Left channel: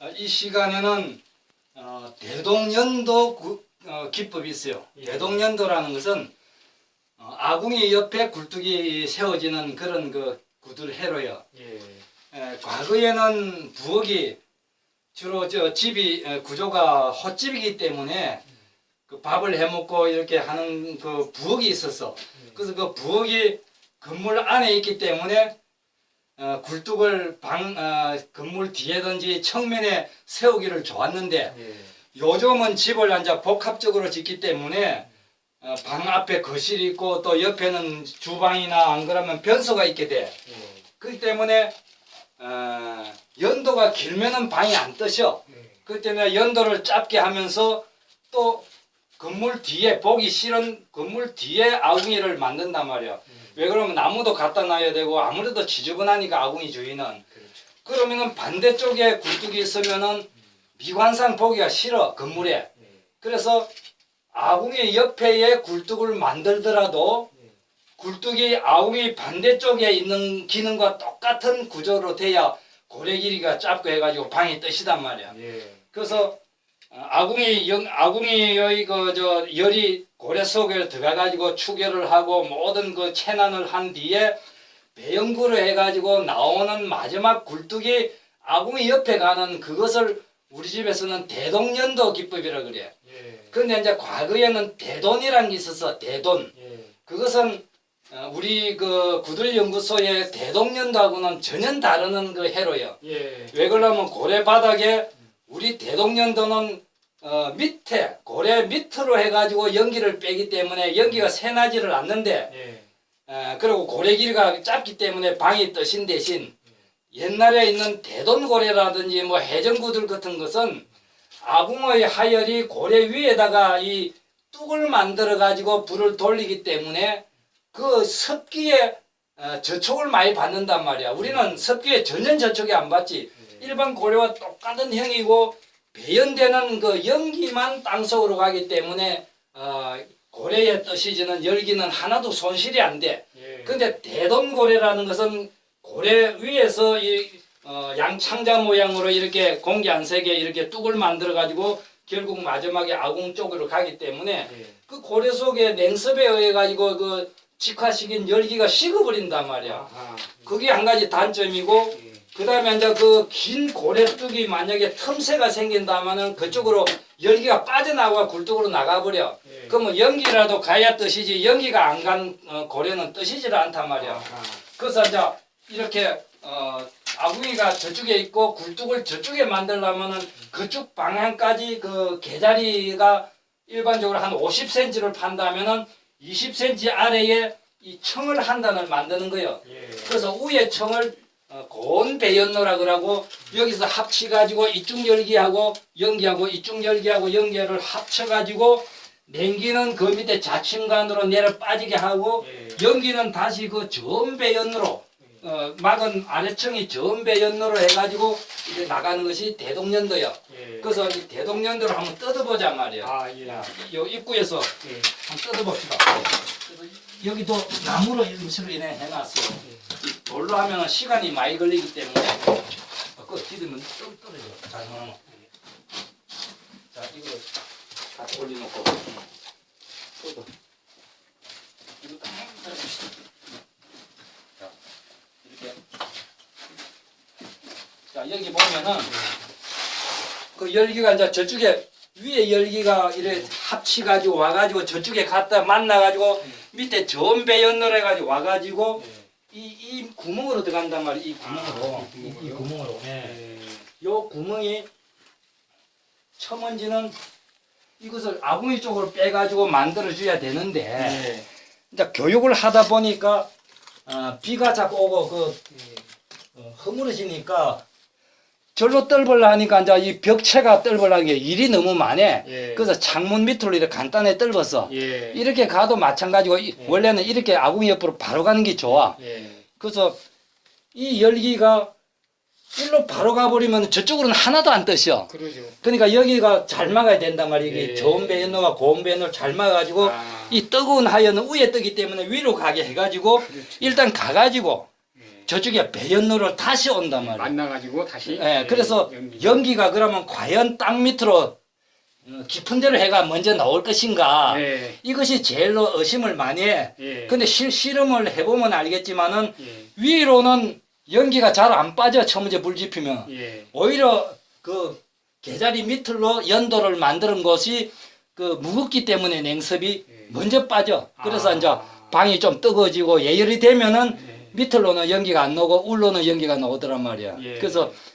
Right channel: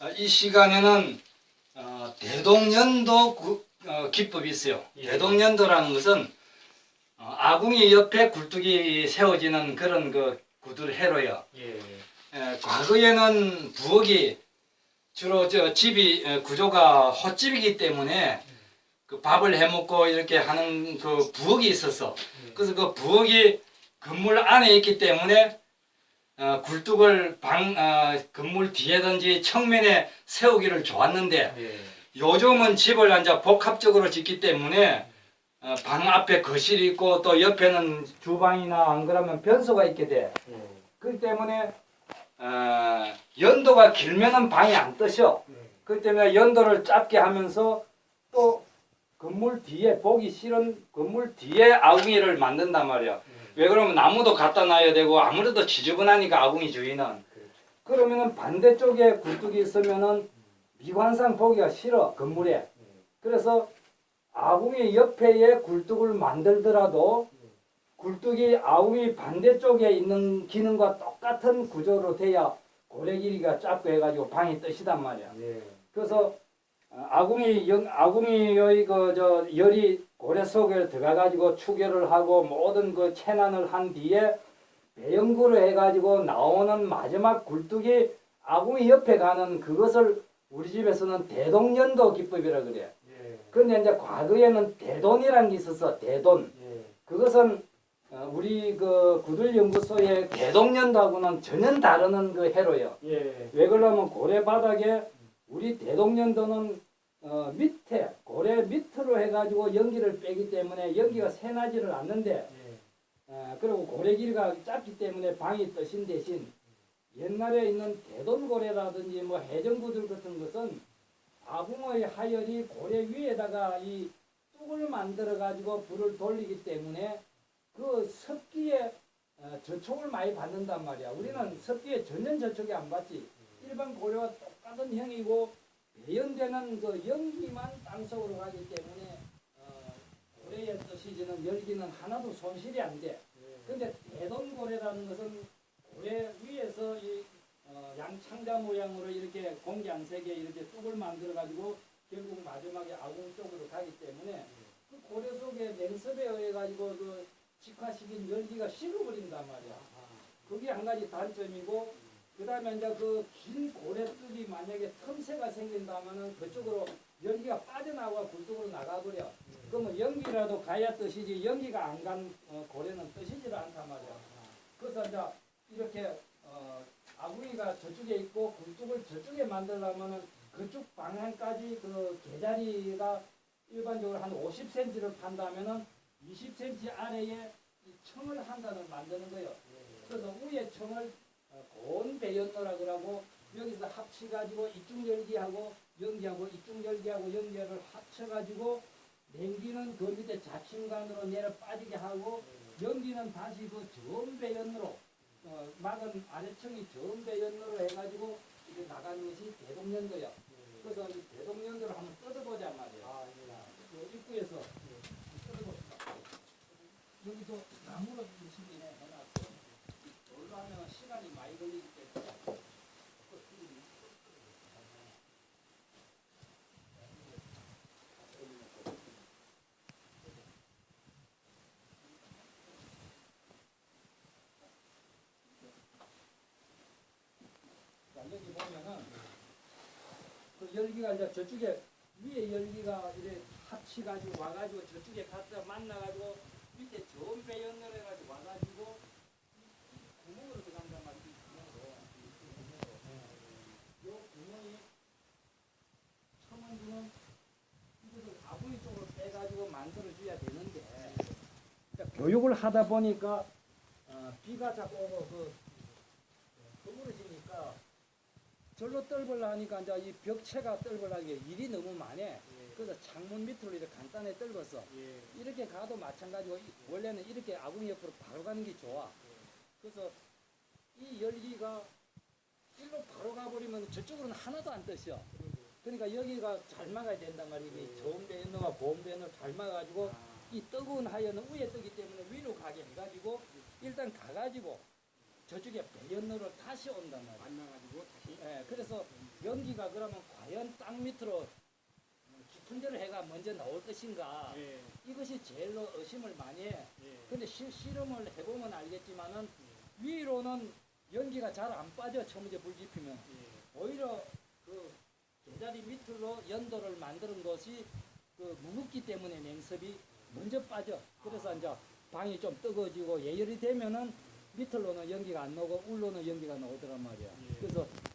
어, 이 시간에는 어, 대동연도 구- 어, 기법이 있어요. 예. 대동연도라는 것은 어, 아궁이 옆에 굴뚝이 세워지는 그런 그 구들 해로요. 예. 에, 과거에는 부엌이 주로 저 집이 에, 구조가 헛집이기 때문에 그 밥을 해 먹고 이렇게 하는 그 부엌이 있었어. 그래서 그 부엌이 건물 안에 있기 때문에 어, 굴뚝을 방 어, 건물 뒤에든지 청면에 세우기를 좋았는데 예. 요즘은 집을 이제 복합적으로 짓기 때문에 어, 방 앞에 거실이 있고 또 옆에는 주방이나 안 그러면 변소가 있게 돼. 예. 그렇기 때문에 어, 연도가 길면은 방이 안 뜨셔. 예. 그렇기 때문에 연도를 짧게 하면서 또 건물 뒤에 보기 싫은 건물 뒤에 아궁이를 만든단 말이야. 왜 그러면 나무도 갖다 놔야 되고 아무래도 지저분하니까 아궁이 주인은 그렇죠. 그러면은 반대쪽에 굴뚝이 있으면은 미관상 보기가 싫어 건물에. 예. 그래서 아궁이 옆에에 굴뚝을 만들더라도 예. 굴뚝이 아궁이 반대쪽에 있는 기능과 똑같은 구조로 돼야 고래 길이가 짧고 해가지고 방이 뜨시단 말이야. 예. 그래서 어, 아궁이 영, 아궁이의 그저 열이 고래 속에 들어가 가지고 추결을 하고 모든 그 체난을 한 뒤에 배연구를 해가지고 나오는 마지막 굴뚝이 아궁이 옆에 가는 그것을 우리 집에서는 대동연도 기법이라 그래. 예. 근데 이제 과거에는 대돈이라는 게 있었어. 대돈. 예. 그것은 어, 우리 그 구들 연구소의 대동연도하고는 전혀 다른 그 해로요. 예. 왜 그러냐면 고래 바닥에 우리 대동연도는 어, 밑에 고래 밑으로 해가지고 연기를 빼기 때문에 연기가 새나지를 않는데 예. 어, 그리고 고래 길이가 짧기 때문에 방이 뜨신 대신 옛날에 있는 대돈고래라든지 뭐 해전구들 같은 것은 아궁의 하열이 고래 위에다가 이 뚝을 만들어 가지고 불을 돌리기 때문에 그 습기에 어, 저촉을 많이 받는단 말이야. 우리는 습기에 전혀 저촉이 안 받지. 일반 고래와 똑같은 형이고 배연되는 그 연기만 땅속으로 가기 때문에 어, 고래에 떠시지는 열기는 하나도 손실이 안 돼. 예. 근데 대동고래라는 것은 고래 위에서 이 어, 양창자 모양으로 이렇게 공기 안 새게 이렇게 뚝을 만들어 가지고 결국 마지막에 아궁 쪽으로 가기 때문에 예. 그 고래 속에 냉습에 의해 가지고 그 직화시킨 열기가 식어버린단 말이야. 아하. 그게 한 가지 단점이고 예. 그 다음에 이제 그 긴 고래뚝이 만약에 틈새가 생긴다면은 그쪽으로 열기가 빠져나와 굴뚝으로 나가버려. 예. 그러면 연기라도 가야 뜨시지 연기가 안 간 고래는 뜨시질 않단 말이야. 아하. 그래서 이제 이렇게 어, 아궁이가 저쪽에 있고 굴뚝을 저쪽에 만들려면은 그쪽 방향까지 그 개자리가 일반적으로 한 50cm를 판다면은 20cm 아래에 이 청을 한 단을 만드는 거예요. 예. 그래서 위에 청을 어, 고온 배연로라 그러고 여기서 합치 가지고 이쪽 열기하고 연기하고 이쪽 열기하고 연기를 합쳐 가지고 냉기는 그 밑에 자침관으로 내려 빠지게 하고 예. 연기는 다시 그 전배연으로 어, 막은 아래층이 전배연으로 해가지고 이제 나가는 것이 대동연도요. 예. 그래서 이 대동연도를 한번 뜯어보자 말이야. 아, 예. 야, 요 입구에서 예. 한번 뜯어봅시다. 여기도 나무로 임시로 인해 해놨어. 이 돌로 하면 시간이 많이 걸리기 때문에 그거 뒤으면 떨- 떨어져. 자, 어. 자 이거 다 올려놓고. 뜯어. 이거 딱 떨어집시다. 자, 이렇게. 자 여기 보면은 그 열기가 이제 저쪽에 위에 열기가 이래 합치가지고 와가지고 저쪽에 갔다 만나가지고 밑에 전배 연널 해가지고 와가지고 이, 이 구멍으로 들어간단 말이야 이 구멍으로 아, 이 이? 구멍으로 예. 예. 요 구멍이 첨언지는 이것을 아궁이 쪽으로 빼가지고 만들어 줘야 되는데 예. 이제 교육을 하다 보니까 어, 비가 자꾸 오고 그 어, 허물어지니까 절로 떨벌라 하니까 이제 이 벽체가 떨벌라는 게 일이 너무 많아. 예. 그래서 창문 밑으로 이렇게 간단히 떨었어. 예. 이렇게 가도 마찬가지고 이- 예. 원래는 이렇게 아궁이 옆으로 바로 가는 게 좋아. 예. 그래서 이 열기가 일로 바로 가버리면 저쪽으로는 하나도 안 뜨셔. 그러죠. 그러니까 여기가 잘 막아야 된단. 이게 예. 좋은 배연로가 고운 배연로 잘 막아가지고 아. 이 뜨거운 하연은 위에 뜨기 때문에 위로 가게 해가지고 그렇죠. 일단 가가지고 예. 저쪽에 배연로를 다시 온단 말이에요. 만나가지고 다시. 예, 그래서 연기. 연기 가 그러면 과연 땅 밑으로 어, 깊은 데로 해가 먼저 나올 것인가? 예, 이것이 제일로 의심을 많이 해. 예. 근데 실, 실험을 해보면 알겠지만은 예, 위로는 연기가 잘 안 빠져 처음에 물 지피면 예, 오히려 그 개자리 밑으로 연도를 만드는 것이 그 무겁기 때문에 냉섭이 예. 먼저 빠져. 그래서 아. 이제 방이 좀 뜨거워지고 예열이 되면은 예. 밑으로는 연기가 안 나오고 울로는 연기가 나오더란 말이야. 예. 그래서